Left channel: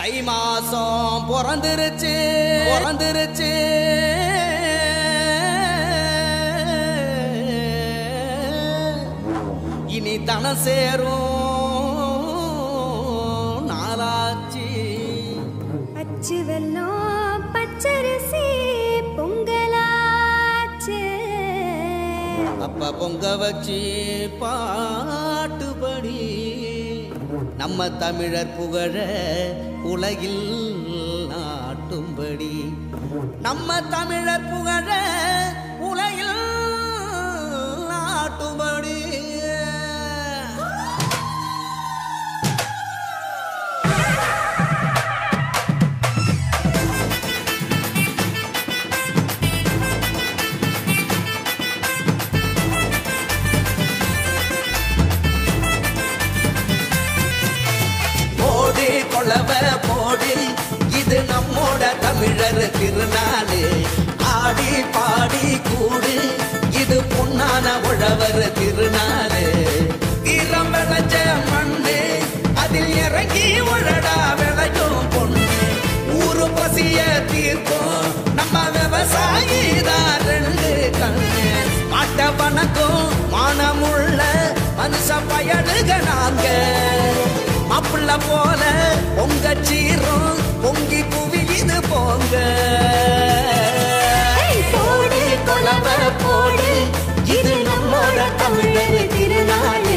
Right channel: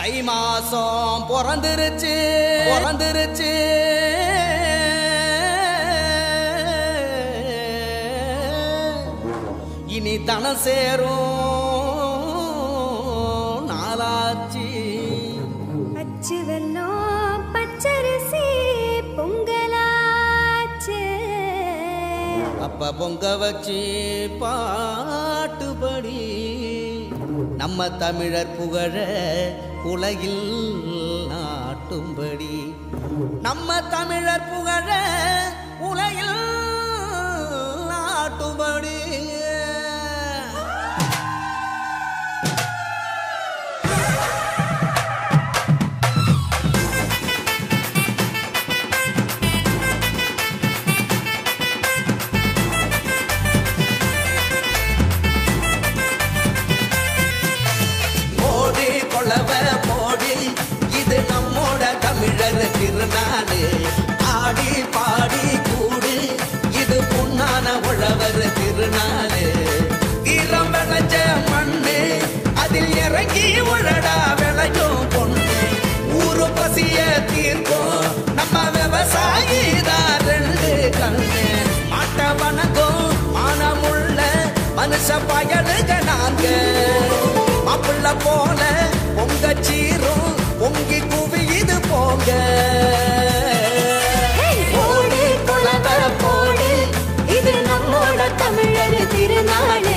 தை மாசம் பிறந்துருச்சு பிறந்துருச்சு இனி தனம் சேரும் நாளாச்சு அச்சு வெல்லம் பச்சரிசி பொங்கலாச்சு அப்ப பொங்க வச்சு பாட்டுபடி நம்ம தமிழர் புகழ உலகில் நாட்டும்படி நம்ம தமிழர் புகழ உலகில் நாட்டும்படி கொளவ போடி இது நம்மோட தமிழர் திருநாளு ஆடி பாடி கூடு இது பொன்னான உழவர் திருநாளு தீரம் விளைஞ்ச மண்ணு அதில் இறங்கி உழடா விளையும் பொண்ணு ஊரு பசிய தீர்க்கும் நம்ம விவசாயி தான் ரெண்டு கண்ணு மாட்ட வணக்கம் மானமுள்ள மனுஷ பயலுக நாங்க மாப்புள்ள போல பொங்க சீரும் பொங்கி புவி இது போங்க போடு கொலவ போடு இது நம்மோட தமிழர் திருநாளு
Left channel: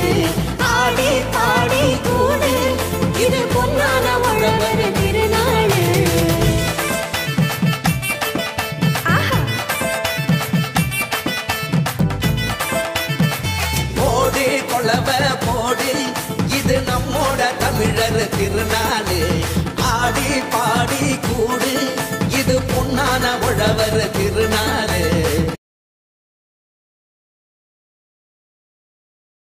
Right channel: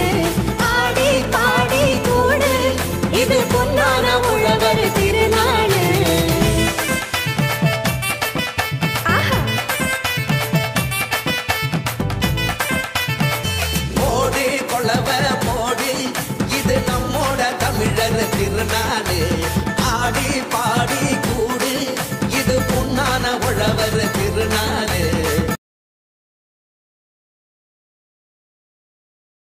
ஆடி பாடி கூடு இது பொன்னான உழவர் திருநாளு போடு கொலவ போடு இது நம்மோட தமிழர் திருநாளு ஆடி பாடி கூடு இது பொன்னான உழவர் திருநாளு